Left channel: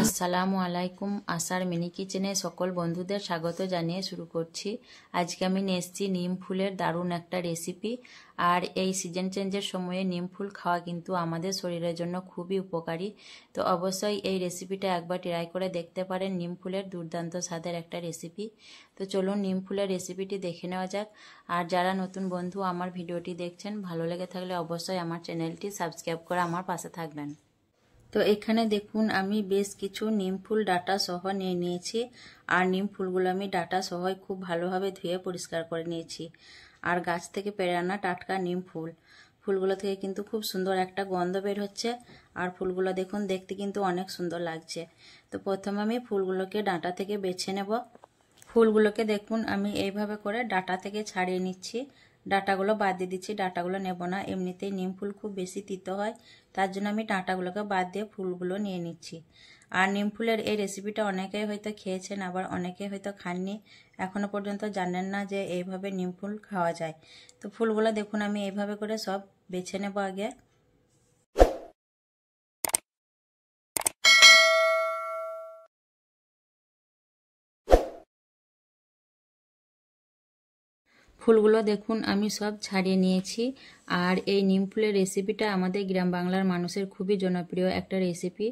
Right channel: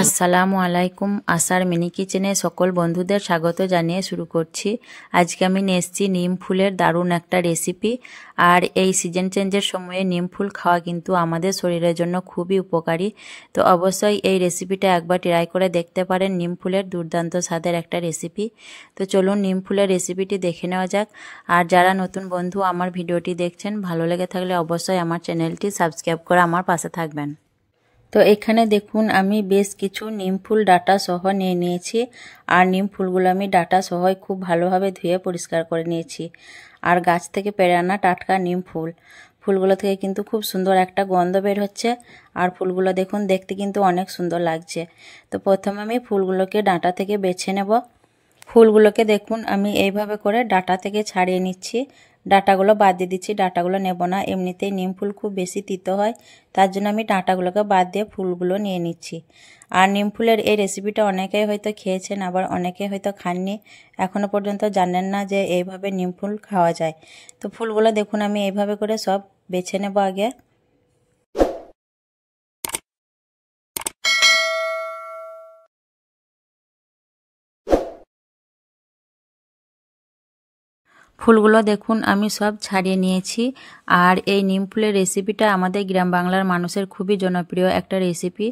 আসসালামু আলাইকুম। আশার মিনি কিচেনে সকল বন্ধুদের স্বাগত জানিয়ে শুরু করছি। আজকে আমি নিয়ে এসেছি নিম ফুলের দারুণ একটা রেসিপি। আর এই সিজন চেঞ্জের সময়ে নিম ফুল খাওয়া কিন্তু আমাদের শরীরের জন্য খুবই উপকারী। তো অবশ্যই এই রেসিপিটা একবার ট্রাই করে দেখতে পারেন। নিম ফুলের দুর্দান্ত স্বাদের একটা রেসিপি। তো চলুন নিম ফুলের রেসিপিটি দেখে নেওয়া যাক। আর যারা নতুন বন্ধু আমার ভিডিওটি দেখছেন, ভালো লেগে থাকলে অবশ্যই আমার চ্যানেলটি সাবস্ক্রাইব করে আমার পাশে থাকবেন। তো এখানে দেখুন আমি বেশ কিছু নিম ফুল ডাঁটা সহ নিয়ে নিয়েছি। আর নিম ফুলগুলো আমি ডাঁটা সহই খুব ভালোভাবে ধুয়ে পরিষ্কার করে নিয়েছি। আর গাছ থেকে পেড়ে আনা টাটকা নিম ফুলগুলো থেকে কিন্তু খুব সুন্দর একটা গন্ধ বের হচ্ছে। আর ফুলগুলো দেখুন দেখতে কিন্তু অনেক সুন্দর লাগছে। তো প্রথমে আমি ফুলগুলোকে ডাঁটা থেকে বেছে নেব। ফুলগুলোকে দেখুন আমি এইভাবে করে ডাঁটা থেকে ছাড়িয়ে নিচ্ছি। ডাঁটাগুলো বাদ দিয়ে দিচ্ছি, ডাঁটাগুলো নেব না। এমনিতেই নিম ফুল খুব বেশি তিতো হয়, তার জন্য আমি ডাঁটাগুলোকে বাদ দিয়ে ফুলগুলো নিয়ে নিচ্ছি। আর নিম ফুলের এই রেসিপিটা অনেকেই হয়তো খেয়েছেন, আবার অনেকে হয়তো খাননি, এখনও পর্যন্ত জানেন না যে এইভাবে নিম ফুল খাওয়া যায়। তো ফুলগুলো দেখুন আমি এইভাবে করে সব বেছে নেব আগে। ফুলগুলো দেখুন আমি সব ছাড়িয়ে নিয়েছি। আর এই নিম ফুলের রেসিপিটা আমাদের গ্রাম বাংলার মানুষের খুবই জনপ্রিয় একটা রেসিপি।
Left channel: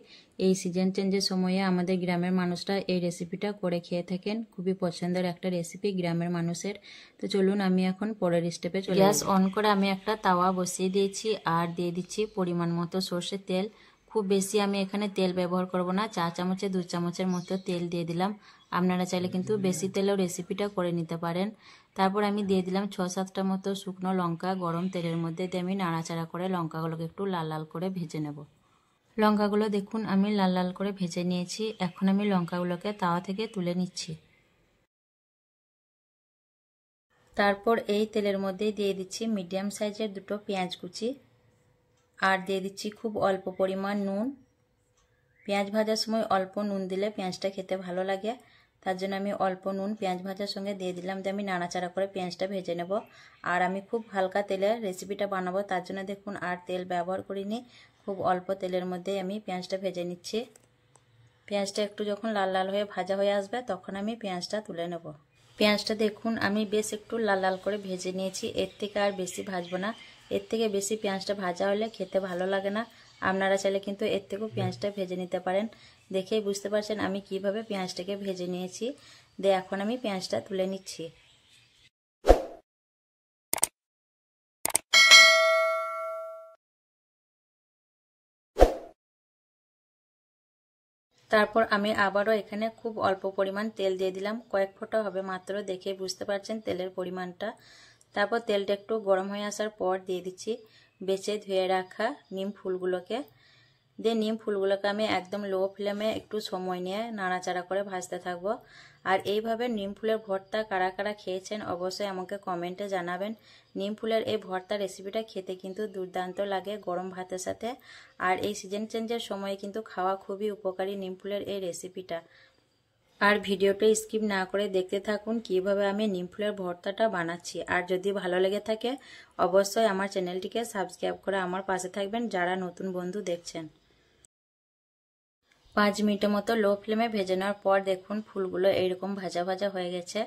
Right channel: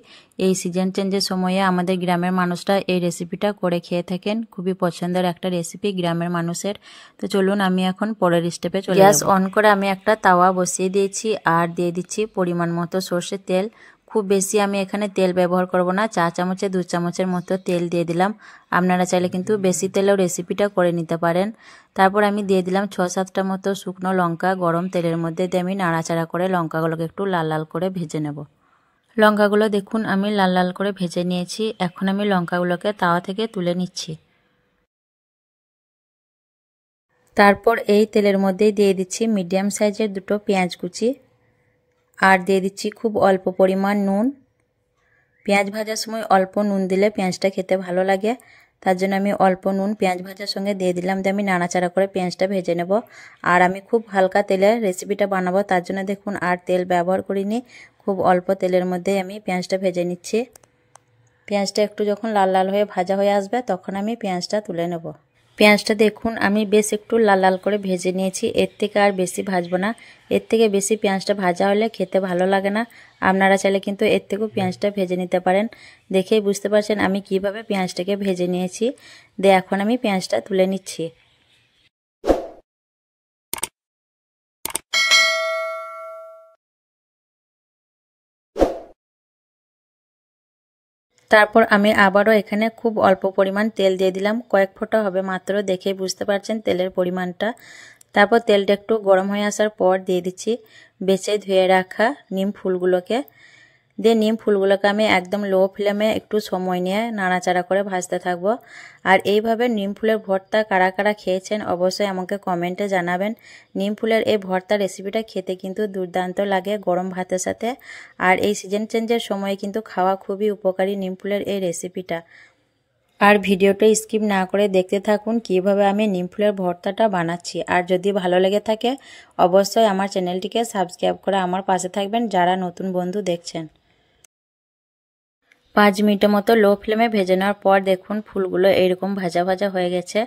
এই সিজন চেঞ্জের সময়ে আমাদের গ্রামের মানুষরা এই রেসিপিটা করে খেয়ে থাকেন। খুবই পছন্দের একটা রেসিপি গ্রামের মানুষের। তো চলুন আমি এখন পরের স্টেপে চলে যাব। গ্যাস অন করে আমি একটা তাওয়া বসিয়ে দিয়েছি আর দিয়ে দিচ্ছি পরিমাণ মতো সর্ষের তেল। খুব বেশি আমি এখানে তেল ব্যবহার করব না, 4 চামচে 2 চামচের মতো তেল দিয়ে দিলাম। আপনারা চাইলে কিন্তু বেশি তেলেও রেসিপিটা করে নিতে পারেন। তারপর আমি দিয়ে দিলাম 6-7টা মতো শুকনো লঙ্কা। গরম তেলের মধ্যে দিয়ে আমি নাড়াচাড়া করে লঙ্কাগুলোকে একটু লাল লাল করে ভেজে নেব। লঙ্কাগুলো দেখুন আমি লাল লাল করে ভেজে নিয়েছি। এখন আমি লঙ্কাগুলোকে তাওয়া থেকে তুলে নিচ্ছি। তারপর এই তেলের মধ্যেই দিয়ে দিচ্ছি মিডিয়াম সাইজের 2টো পেঁয়াজ কুচি। আর দিয়ে দিচ্ছি খুব অল্প পরিমাণ নুন। পেঁয়াজ ভাজার সময় অল্প নুন দিলে পেঁয়াজটা খেতে ভালো লাগে, তার জন্য আমি অল্প নুন পেঁয়াজ ভাজার সঙ্গে দিয়ে দিলাম। দিয়ে আমি নাড়াচাড়া করে পেঁয়াজটা ভেজে নেব। আর আমি খুব হালকা তেলে রেসিপিটা বানাবো, তার জন্য দেখুন আর তেল ব্যবহার করিনি। খুব অল্প তেলের মধ্যে আমি পেঁয়াজটা ভেজে নিচ্ছি। পেঁয়াজটা একটু যখন লাল লাল হয়ে ভাজা হয়ে আসবে তখন আমি পেঁয়াজটা তুলে নেব। পেঁয়াজটা দেখুন আমি বেশ একটু লাল লাল করে ভেজে নিয়েছি। এর থেকে আর বেশি ভাজবো না, এর থেকে বেশি পেঁয়াজটা ভাজা হলে খেতে ভালো লাগে না। আপনারা চাইলে কিন্তু এর থেকেও পেঁয়াজটা ভেজে নিতে পারেন। দেখেই বুঝতে পারছেন আমি কিভাবে পেঁয়াজটাকে ভেজে নিয়েছি। দিয়ে এখন আমি পেঁয়াজটা তুলে নিচ্ছি। তারপর আমি আবারও এখানে খুব অল্প পরিমাণ তেল দিয়ে দিলাম, কয়েক ফোঁটা হবে মাত্র, দেখেই বুঝতে পারছেন তেলের পরিমাণটা। তারপর তেলটা একটু গরম হয়ে আসার পর দিয়ে দিচ্ছি বেছে ধুয়ে রাখা নিম ফুলগুলোকে। দিয়ে নিম ফুলগুলোকে আমি একদম লো ফ্লেমে একটু সময় নিয়ে নাড়াচাড়া করে ভাজতে থাকবো। আর এইভাবে নিম ফুলের ভর্তা কারা কারা খেয়েছেন অবশ্যই আমাকে কমেন্টে জানাবেন। নিম ফুলের এই ভর্তা রেসিপিটা খেতে কিন্তু দুর্দান্ত লাগে গরম ভাতের সাথে। আর এই সিজন চেঞ্জের সময়ে কিন্তু খাওয়া খুবই উপকারী নিম ফুলের এই রেসিপিটা। আর ভিডিওটা স্কিপ না করে দেখতে থাকুন কিভাবে আমি নিম ফুলের ভর্তাটা বানাচ্ছি। আর যদি ভালো লেগে থাকে অবশ্যই আমার চ্যানেলটিকে সাবস্ক্রাইব করে আমার পাশে থাকবেন যারা নতুন বন্ধু দেখছেন। 5 মিনিটের মতো লো ফ্লেমে ভেজে নেওয়ার পর দেখুন ফুলগুলো এইরকম ভাজা ভাজা হয়ে গেছে।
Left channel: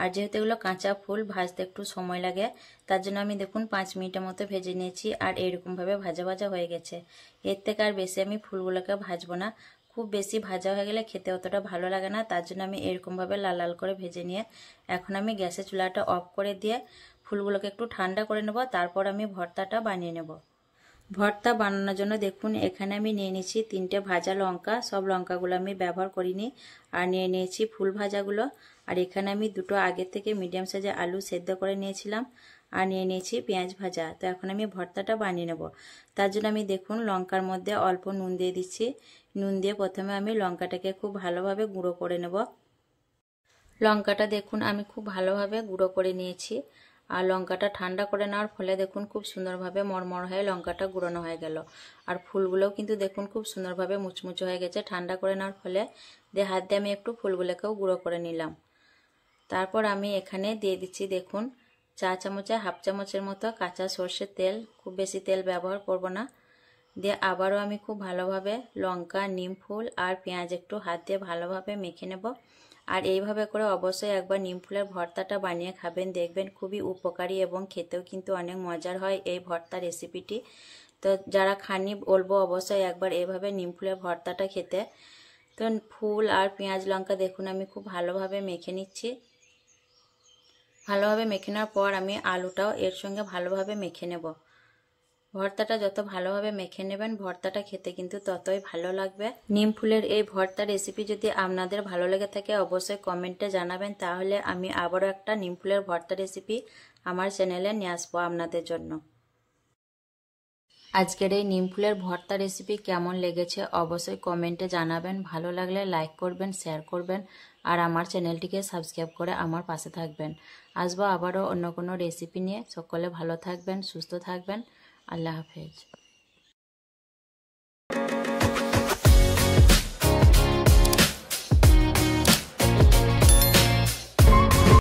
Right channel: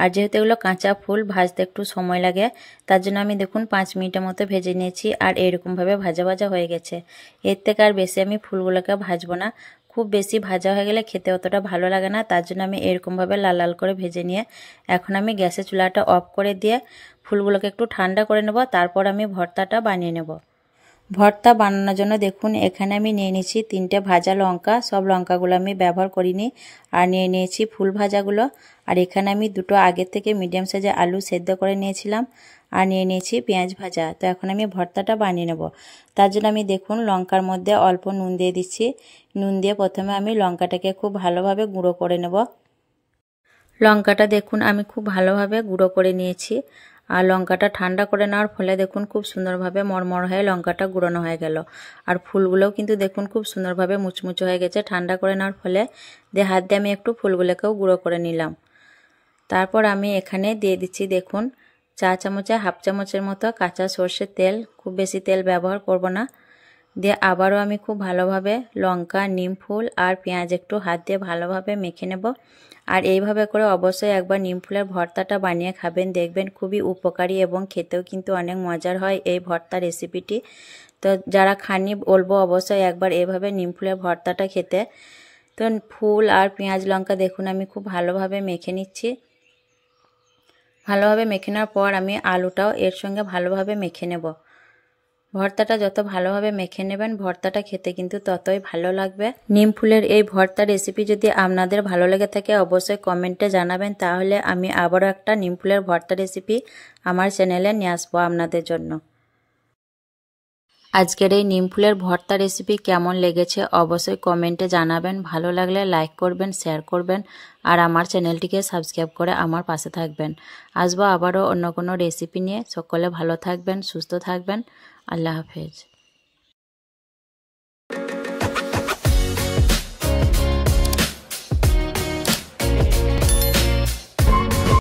আর যেহেতু এগুলো কাঁচা ফুল ভাজতে একটু সময় লাগে, তার জন্য আমি দেখুন 5 মিনিটের মতো ভেজে নিয়েছি। আর এইরকমভাবে ভাজা ভাজা হয়ে গেছে। এর থেকে আর বেশি আমি ফুলগুলোকে ভাজবো না, খুব বেশি ভাজা হয়ে গেলে খেতে অতটা ভালো লাগে না, তার জন্য আমি এরকমভাবে লাল লাল করে ভেজে নিয়ে এখন আমি গ্যাসের চুলাটা অফ করে দিয়ে ফুলগুলোকে একটু ঠান্ডা করে নেব। তারপর আমি ভর্তাটা বানিয়ে নেব। ভর্তা বানানোর জন্য দেখুন এখানে আমি নিয়ে নিয়েছি 3টে ভাজা লঙ্কা। সব লঙ্কাগুলো আমি ব্যবহার করিনি। আর নিয়ে নিয়েছি ফুল ভাজাগুলো। আর এখানে আমি 2টো আগের থেকে মিডিয়াম সাইজের আলু সেদ্ধ করে নিয়েছিলাম। আর নিয়ে নিয়েছি পেঁয়াজ ভাজা। তো এখন আমি ভর্তাটা বানিয়ে নেব। তার জন্য আমি দেখুন লঙ্কার মধ্যে অল্প নুন দিয়ে দিচ্ছি। নুন দিয়ে প্রথমে আমি লঙ্কাটাকে খুব ভালোভাবে গুঁড়ো করে নেব। লঙ্কাটা দেখুন আমি খুব ভালোভাবে গুঁড়ো করে নিয়েছি। আর লঙ্কাটা ঠান্ডা করে নেওয়ার ফলে দেখুন খুব সুন্দরভাবে মরমর হয়ে লঙ্কাটা গুঁড়োনো হয়ে গেল। আর ফুলগুলোও কিন্তু দেখুন খুব সুন্দরভাবে মুচমুচে হয়ে গেছে ঠান্ডা করে নেওয়ার ফলে। দিয়ে হাত দিয়ে আমি একটু ফুলগুলোকেও গুঁড়ো করে নিলাম। তারপর আমি এখানে দিয়ে দিচ্ছি দেখুন 4 চামচে হাফ চামচের মতো কাঁচা সর্ষের তেল। খুব বেশি তেল ব্যবহার করব না। দিয়ে আবারও আমি খুব ভালোভাবে লঙ্কা, নিম ফুল আর পেঁয়াজ একটু হাত দিয়ে ভালোভাবে মেখে নেব। আর এইভাবে করে অবশ্যই একবার নিম ফুলের ভর্তাটা বানিয়ে খাবেন, দেখবেন খুবই উপকারী এবং খেতেও কিন্তু অনেক মজার হয় এই ভর্তা রেসিপিটি। তো যারা খাননি বলবো অবশ্যই একবার এভাবে নিম ফুলের ভর্তাটা খেতে। তো ফুল আর পেঁয়াজ লঙ্কা দেখুন আমি খুব ভালোভাবে মেখে নিচ্ছি। ভালোভাবে মেখে নেওয়ার পর আমি আলুটাও এর সঙ্গে ভালোভাবে মেখে নেব। ভর্তাটা যত ভালোভাবে মেখে নেবেন ভর্তাটা খেতে কিন্তু ততই ভালো লাগবে। নিম ফুলের এই ভর্তা রেসিপি যদি আপনাদের ভালো লেগে থাকে অবশ্যই কমেন্টে জানাবেন, তাহলে আমি আবারও একটা নিম ফুলের ভর্তা রেসিপি আমার চ্যানেলে নিয়ে আসবো আপনাদের জন্য। আজকের এই নিম ফুলের ভর্তা রেসিপি কেমন লেগেছে অবশ্যই কমেন্টে জানাবেন। ভালো লাগলে লাইক করবেন, শেয়ার করবেন আর আমার চ্যানেলটিকে সাবস্ক্রাইব করে আমার পাশে থাকবেন। আসবো আবারও অন্য কোনো রেসিপি নিয়ে। সকলে ভালো থাকবেন, সুস্থ থাকবেন। আল্লাহ হাফেজ।